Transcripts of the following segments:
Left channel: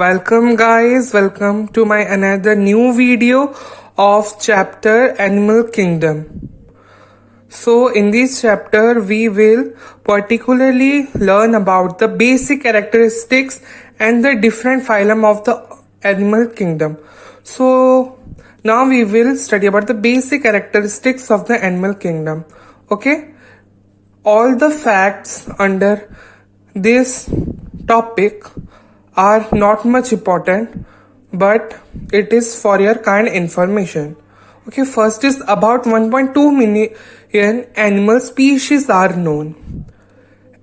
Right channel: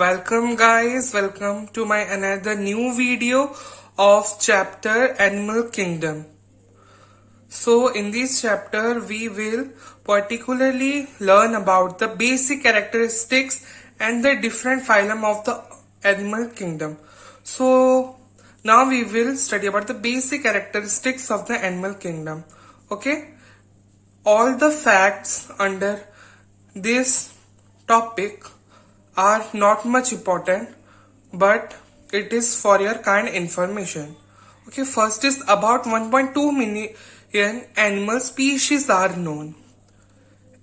Welcome guys, welcome to my another new video of chapter Animal Kingdom. So in this chapter we will particularly learn about the basic characteristics and the different phylum of the animal kingdom. So now we will study about the basic characteristics of the animal kingdom. Okay, all the facts under this topic are not much important, but it is for your kind information. Okay, first is about 1.2 million animal species are known.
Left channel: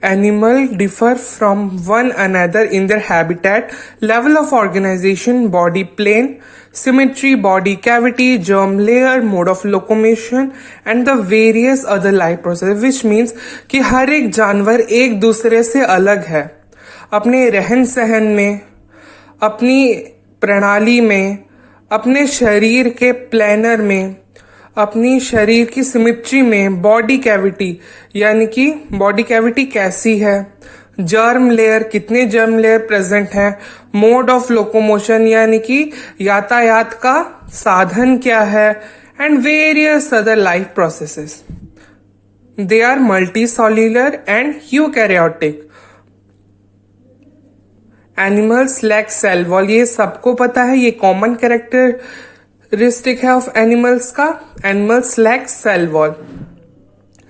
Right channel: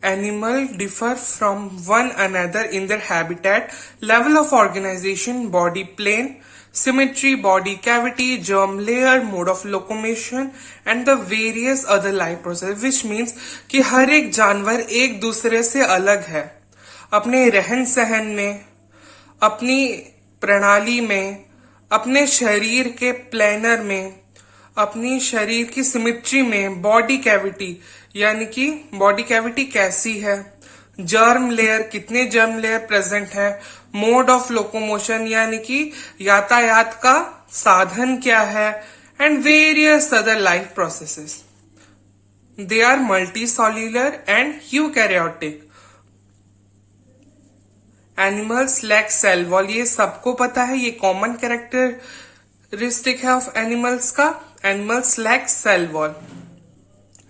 Animals differ from one another in their habitat, level of organization, body plane, symmetry, body cavity, germ layer, mode of locomotion and the various other life processes, which means कि हर एक जानवर एक दूसरे से अलग है अपने रहन सहन में, अपनी प्रणाली में, अपने शरीर के प्लानर में, अपनी शरीर की सिमेट्री में, बॉडी कैविटी यानी कि बॉडी कैविटी कैसी है, जर्म लेयर कितने जर्म लेयर प्रेजेंट है, मोड ऑफ लोकोमोशन यानी कि यातायात का साधन क्या है and various other life processes. They are multicellular and eukaryotic. Animals lack cell wall, ये सबको पता है, ये कॉमन कैरेक्टरिस्टिक है ऑफ एनिमल्स का. Animals lack cell wall.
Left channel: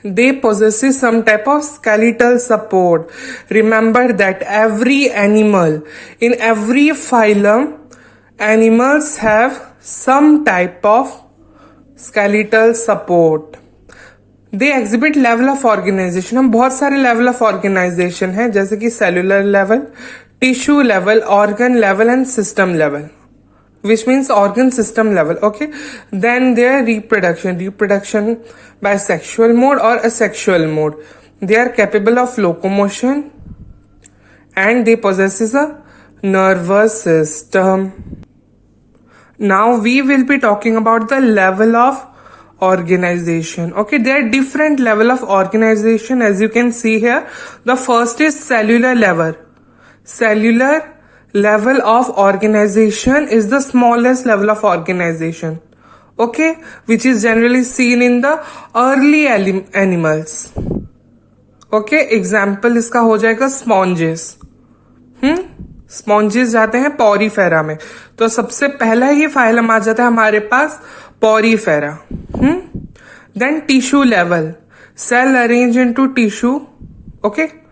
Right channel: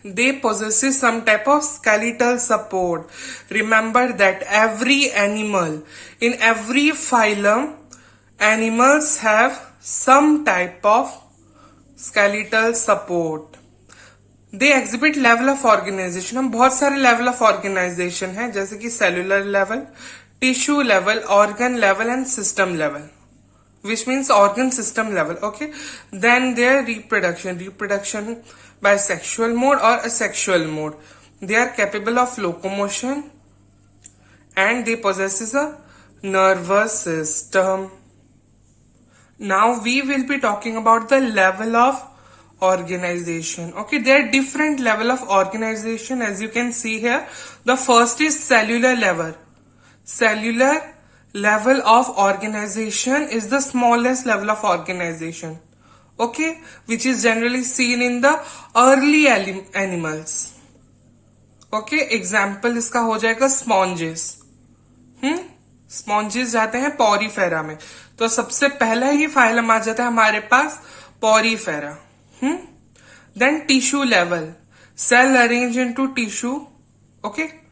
They possess some type of skeletal support. Remember that every animal, in every phylum, animals have some type of skeletal support. They exhibit level of organization. हम बहुत सारे level of organization हैं, जैसे कि cellular level, tissue level, organ level and system level, which means organ system level. Okay, then their reproduction by sexual mode or asexual mode. They are capable of locomotion and they possess a nervous system. Now we will be talking about the level of organization. Okay, there are different level of organization as you can see here. The first is cellular level. Cellular level of organization is the smallest level of organization. Okay, which is generally seen in the early animals. Okay, example इसका हो जाएगा sponges. Sponges जाते हैं Porifera में, तो सबसे पहला ही phylum आ जाता है हमारे पास Porifera. Then tissue level, cell arrange into tissue. Okay,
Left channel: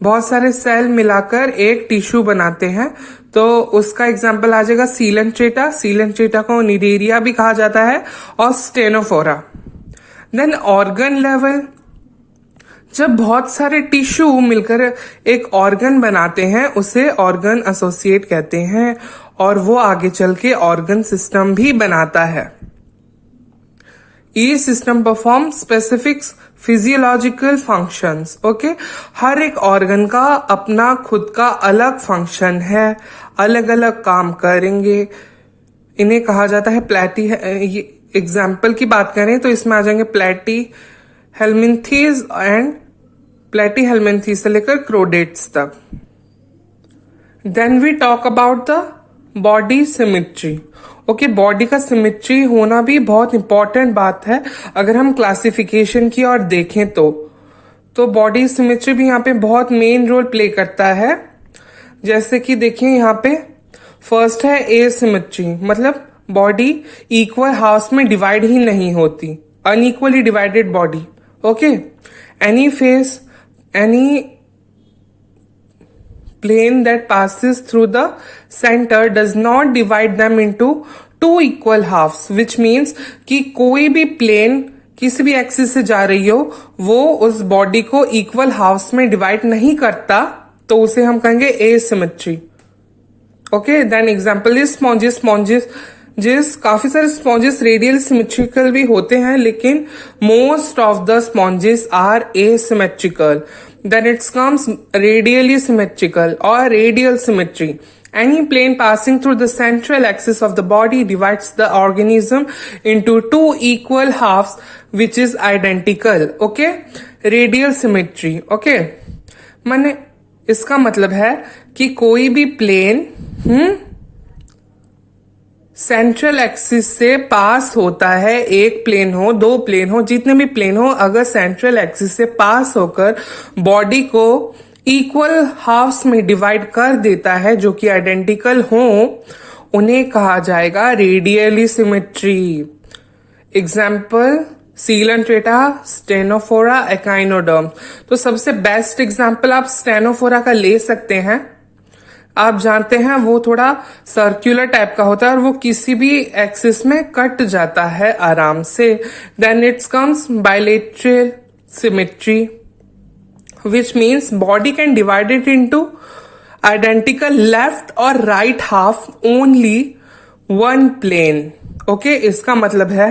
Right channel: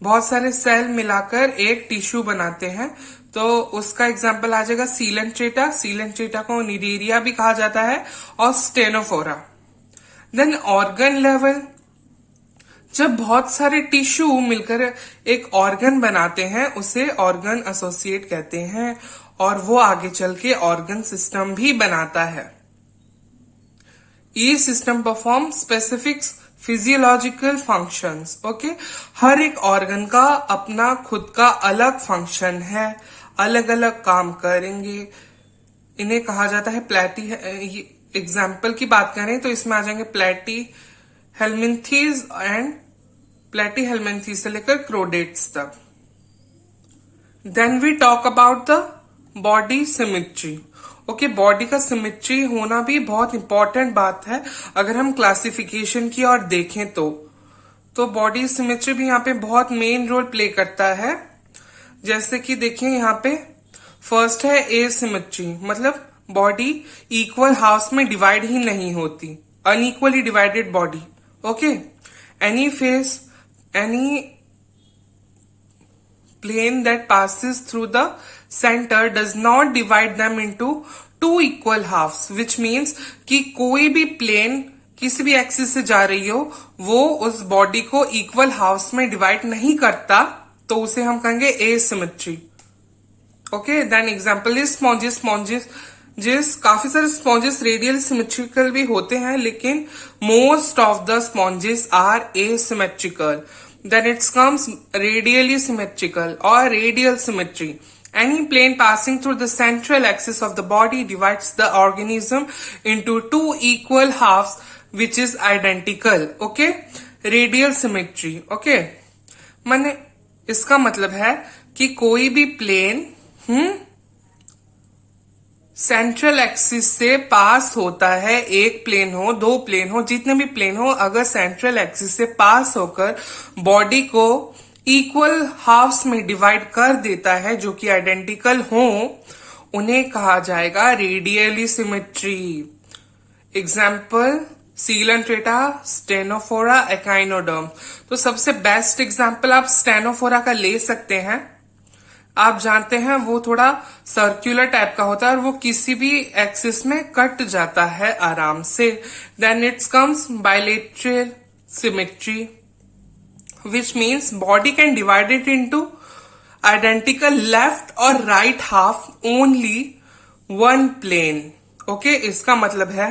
बहुत सारे सेल मिलाकर एक टिश्यू बनाते हैं, तो उसका एग्जाम्पल आ जाएगा सीलेंट्रेटा. सीलेंट्रेटा को निडेरिया भी कहा जाता है और स्टेनोफोरा. देन ऑर्गन लेवल, जब बहुत सारे टिश्यू मिलकर एक ऑर्गन बनाते हैं उसे ऑर्गन एसोसिएट कहते हैं और वो आगे चल के ऑर्गन सिस्टम भी बनाता है. ये system perform specific physiological functions. Okay, हर एक ऑर्गन का अपना खुद का अलग फंक्शन है, अलग अलग काम करेंगे. इन्हें कहा जाता है प्लेटी. एग्जाम्पल की बात करें तो इसमें आ जाएंगे प्लेटी हेलमिंथीज एंड प्लेटी हेलमिंथीज से लेकर क्रोडेट्स तक. Then we talk about the body symmetry. Okay, body का सिमेट्री होना भी बहुत इंपॉर्टेंट बात है. अगर हम क्लासिफिकेशन की ओर देखें तो बॉडी सिमेट्री भी यहाँ पे बहुत मेन रोल प्ले करता है. जैसे कि देखिए यहाँ पे फर्स्ट है एसिमेट्री, मतलब बॉडी इक्वल हाफ्स में डिवाइड ही नहीं होती, unequally divided body. Okay, any face, any plane that passes through the center does not divide them into two equal halves, which means कि कोई भी प्लेन किसी भी एक्सिस से जा रही हो वो उस बॉडी को इक्वल हाफ्स में डिवाइड नहीं करता, तो उसे हम कहेंगे asymmetry. Okay, then example is sponges. Sponges काफी सारे स्पॉन्जेस रेडियल सिमेट्रिकल भी होते हैं, लेकिन most of the sponges are asymmetrical. Then it comes radially symmetrical or radial symmetry. Any plane passing through the central axis of the body divides the organism into two equal halves which is identical. Okay, radial symmetry. Okay, माने इसका मतलब है कि कोई भी plane central axis से पास होता है, एक प्लेन हो, दो प्लेन हो, जितने भी प्लेन हो, अगर सेंट्रल एक्सिस से पास होकर बॉडी को इक्वल हाफ्स में डिवाइड कर देता है जो कि आइडेंटिकल हो, उन्हें कहा जाएगा radially symmetry. Example coelenterata, ctenophora, echinoderm. तो सबसे बेस्ट एग्जाम्पल आप स्टेनोफोरा का ले सकते हैं। आप जानते हैं वो थोड़ा सर्कुलर टाइप का होता है और वो किसी भी एक्सिस में कट जाता है आराम से। Then it's comes bilateral symmetry, which means body can divide it into identical left or right half only one plane. Okay, इसका मतलब है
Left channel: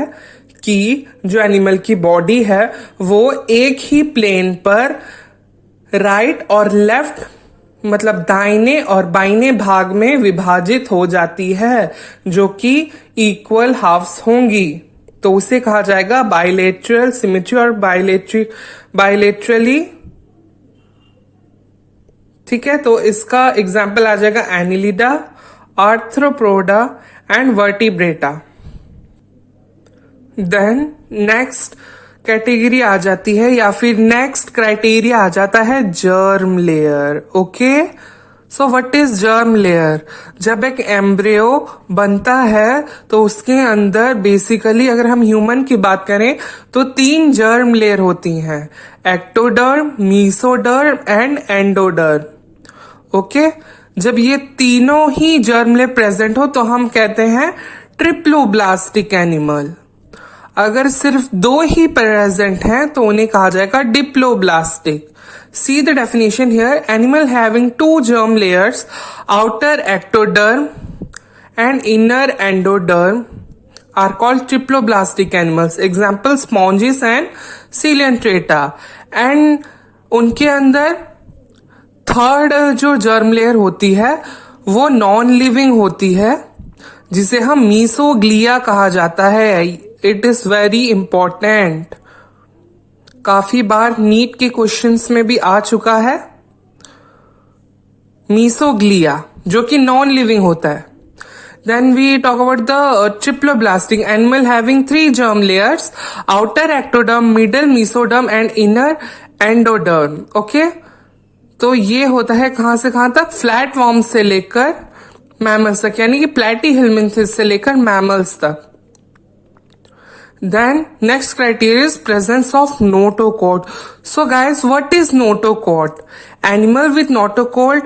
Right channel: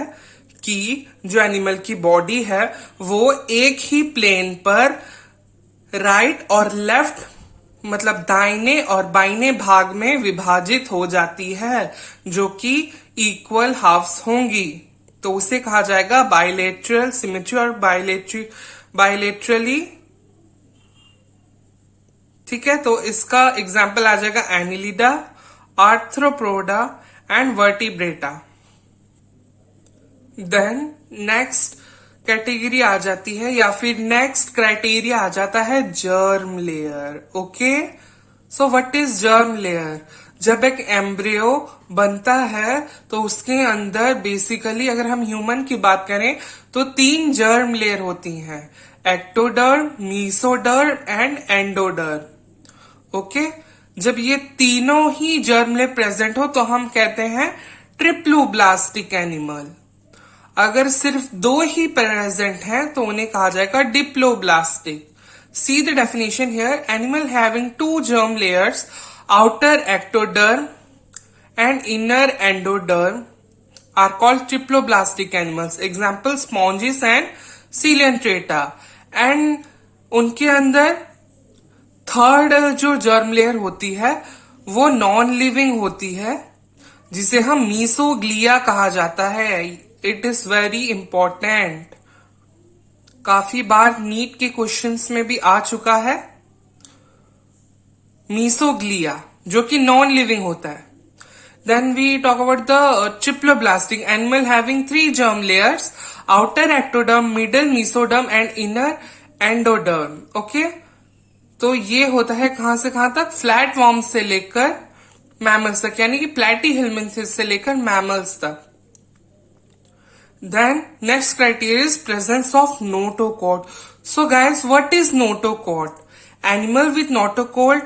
कि जो एनिमल की बॉडी है वो एक ही प्लेन पर राइट और लेफ्ट मतलब दाहिने और बाइने भाग में विभाजित हो जाती है जो कि इक्वल हाफ्स होंगी, तो उसे कहा जाएगा बायलेटरल सिमेट्री और बायलेटरली। ठीक है, तो इसका एग्जाम्पल आ जाएगा annelida, arthropoda and vertebrata. Then next category आ जाती है या फिर नेक्स्ट क्राइटेरिया आ जाता है germ layer. Okay, so what is germ layer? जब एक एम्ब्रियो बनता है तो उसके अंदर बेसिकली अगर हम ह्यूमन की बात करें तो 3 जर्म लेयर होती हैं, ectoderm, mesoderm and endoderm. Okay, जब ये तीनों ही जर्म लेयर प्रेजेंट हो तो हम कहते हैं ट्रिप्लोब्लास्टिक एनिमल। अगर सिर्फ 2 ही प्रेजेंट हैं तो उन्हें कहा जाएगा diploblastic. See the definition here, animal having 2 germ layers, outer ectoderm and inner endoderm are called triploblastic animals. Example sponges and coelenterata. And उनके अंदर थर्ड जो जर्म लेयर होती है वो नॉन लिविंग होती है जिसे हम मीसोग्लिया कहा जाता है। इट इज वेरी इंपॉर्टेंट, काफी बार नीट के क्वेश्चंस में भी आ चुका है। मीसोग्लिया जो कि नॉन लिविंग होता है। Then we talk about the triploblastic animal having 3 germ layers, outer ectoderm, middle mesoderm and inner endoderm. Okay? तो ये होता है कहां से कहां तक? फ्लैट वॉर्म्स से लेकर मैमल्स तक, यानी कि प्लेटीहेल्मिन्थिस से लेकर मैमल्स तक। Then next criteria is presence of notochord. So guys, what is notochord? Animal with notochord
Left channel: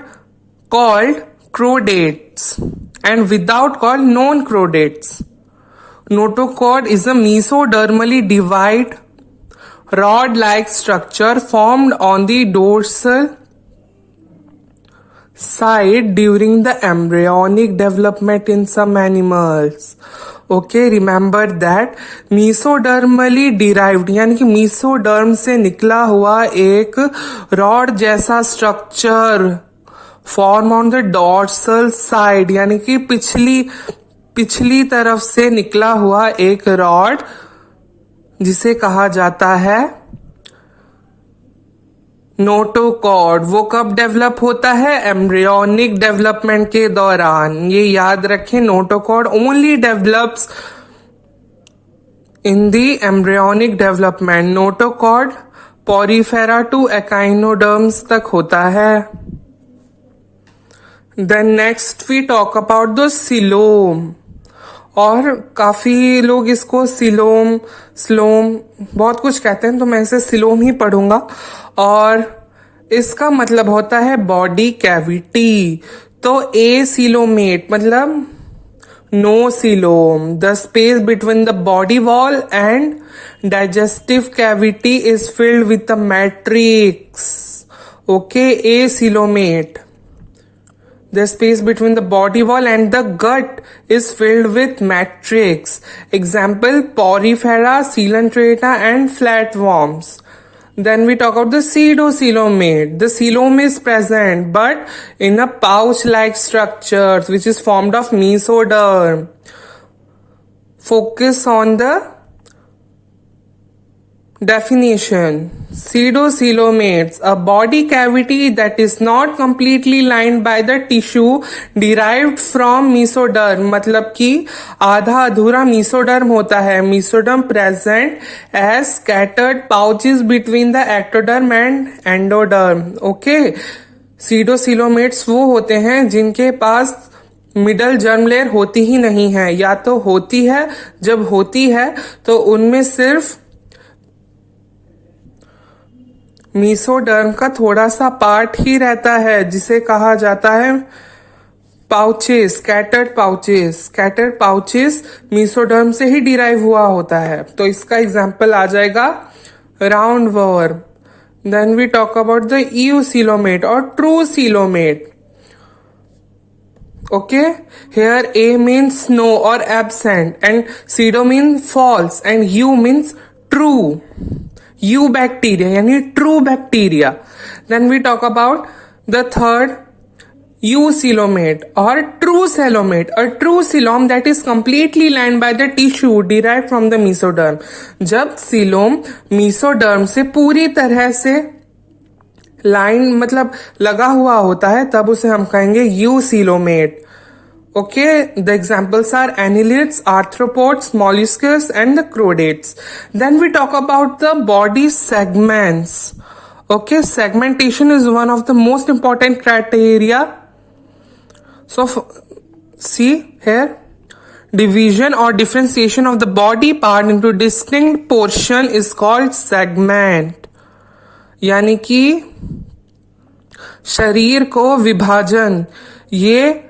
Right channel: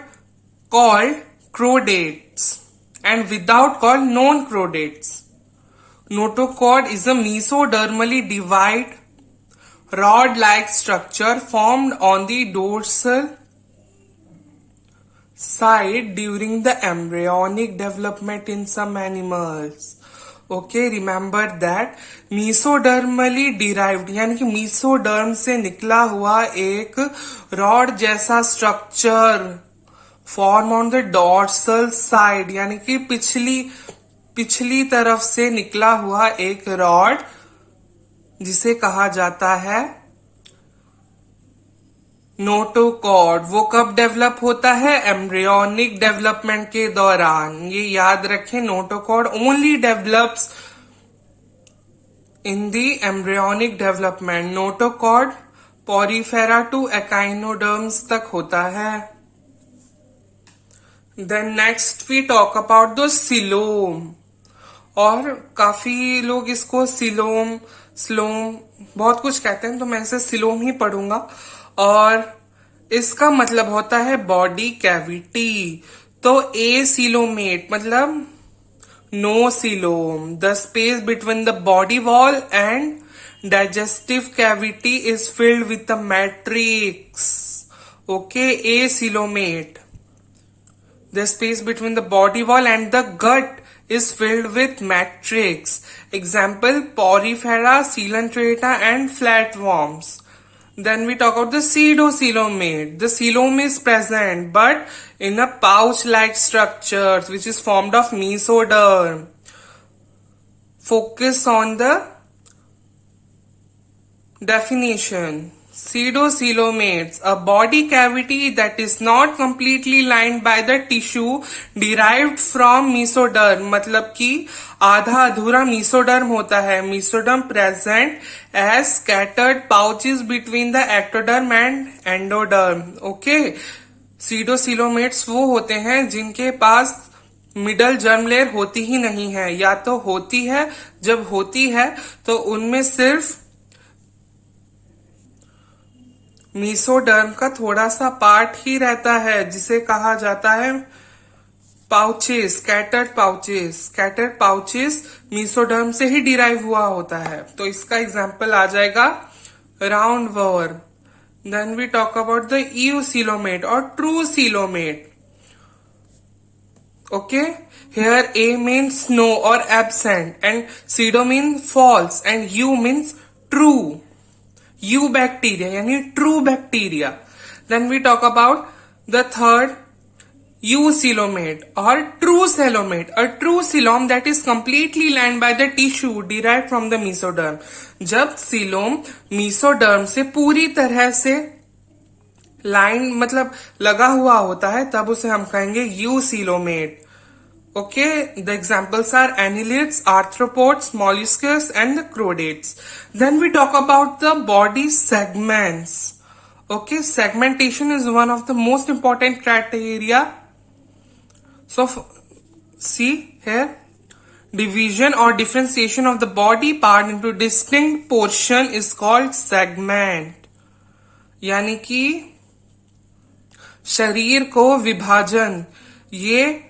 called chordates and without called non-chordates. Notochord is a mesodermally divided rod-like structure formed on the dorsal side during the embryonic development in some animals. Okay, remember that mesodermally derived यानी कि mesoderm से निकला हुआ एक rod जैसा structure form on the dorsal side, यानी कि पिछली तरफ से निकला हुआ एक रॉड जिसे कहा जाता है नोटोकॉर्ड। वो कब डेवलप होता है? एम्ब्रियोनिक डेवलपमेंट के दौरान। ये याद रखें, notochord only develops in the embryonic development. Notochord porifera to echinoderms तक होता है। Then next we talk about the coelom, और काफी लोग इसको सिलोम, स्लोम बहुत कुछ कहते हैं, तो मैं इसे सिलोम ही पढ़ूंगा। और इसका मतलब होता है बॉडी कैविटी। तो ए सिलोमेट मतलब no coelom, the space between the body wall and digestive cavity is filled with the matrix. Okay, acoelomate, the space between the body wall and the gut is filled with matrix. Example porifera, coelenterata and flatworms. Then we talk about the pseudocoelomate. The coelom is present but in a pouch-like structure which is formed of mesoderm. Focus on the Definition: pseudocoelomates, a body cavity that is not completely lined by the tissue derived from mesoderm. मतलब कि आधा अधूरा mesoderm होता है. Mesoderm present as scattered pouches between the ectoderm and endoderm. Okay. pseudocoelomates वो होते हैं जिनके पास मिडल जर्म लेयर होती ही नहीं है, या तो होती है, जब होती है तो उनमें सिर्फ मीसोडर्म का थोड़ा सा पार्ट ही रहता है, जिसे कहा जाता है pouches, scattered pouches. Scattered pouches mesoderm से ही डिराइव हुआ होता है. तो इसका एग्जांपल आ जाएगा round worm. Then we talk about the acoelomate और true coelomate. Okay, here A means no or absent, and pseudo means false, and U means true. U bacteria, yani true bacteria. Then we talk about the third, eucoelomate or true coelomate. A true coelom that is completely lined by the tissue derived from the mesoderm. जब coelom mesoderm से पूरी तरह से line मतलब लगा हुआ होता है, तब उसे हम कहेंगे यूसीलोमेट. Okay, the examples are annelids, arthropods, molluscs, and the chordates. Then we talk about the body segments. Okay, segmentation is one of the most important criteria. So, see here, division or differentiation of the body part into distinct portion is called segment. यानी कि शरीर को विभाजन, ये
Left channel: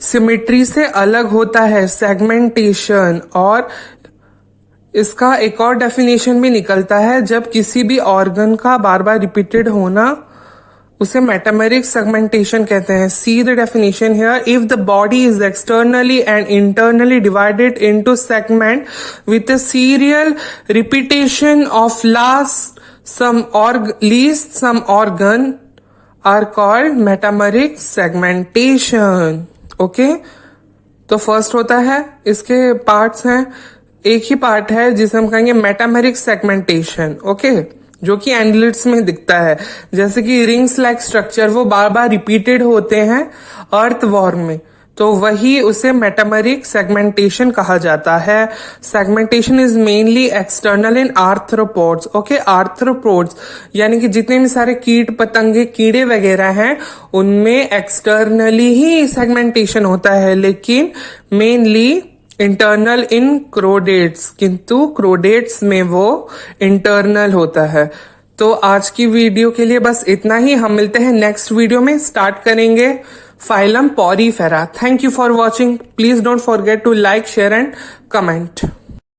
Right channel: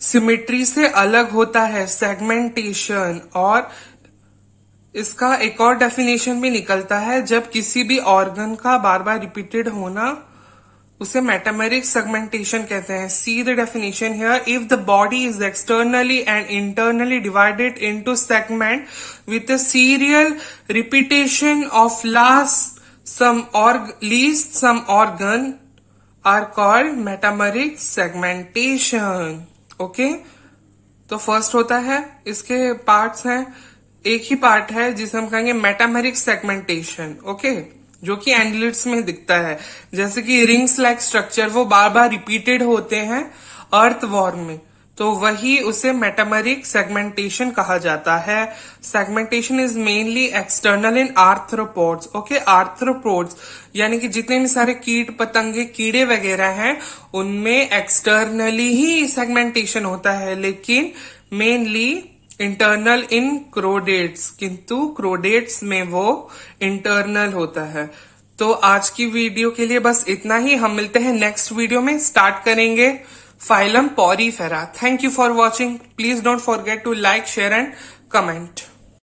symmetry से अलग होता है, सेगमेंटेशन. और इसका एक और डेफिनेशन भी निकलता है, जब किसी भी ऑर्गन का बार बार रिपीटेड होना, उसे मेटामेरिक सेगमेंटेशन कहते हैं. See the definition here. If the body is externally and internally divided into segment with a serial repetition of least some organ are called metameric segmentation. Okay, तो first होता है, इसके parts हैं, एक ही part है जिसे हम कहेंगे मेटामेरिक सेगमेंटेशन. ओके, जो कि एंडलिड्स में दिखता है, जैसे कि रिंग्स लाइक स्ट्रक्चर वो बार बार रिपीटेड होते हैं अर्थवॉर्म में, तो वही उसे मेटामेरिक सेगमेंटेशन कहा जाता है. Segmentation is mainly external in arthropods. Okay, arthropods यानी कि जितने भी सारे कीट पतंगे कीड़े वगैरह हैं, उनमें एक्सटर्नली ही सेगमेंटेशन होता है, लेकिन मेनली इंटरनल इन क्रोडेट्स, किंतु क्रोडेट्स में वो इंटरनल होता है. तो आज की वीडियो के लिए बस इतना ही. हम मिलते हैं नेक्स्ट वीडियो में. स्टार्ट करेंगे Phylum Porifera. Thank you for watching. Please don't forget to like, share and comment.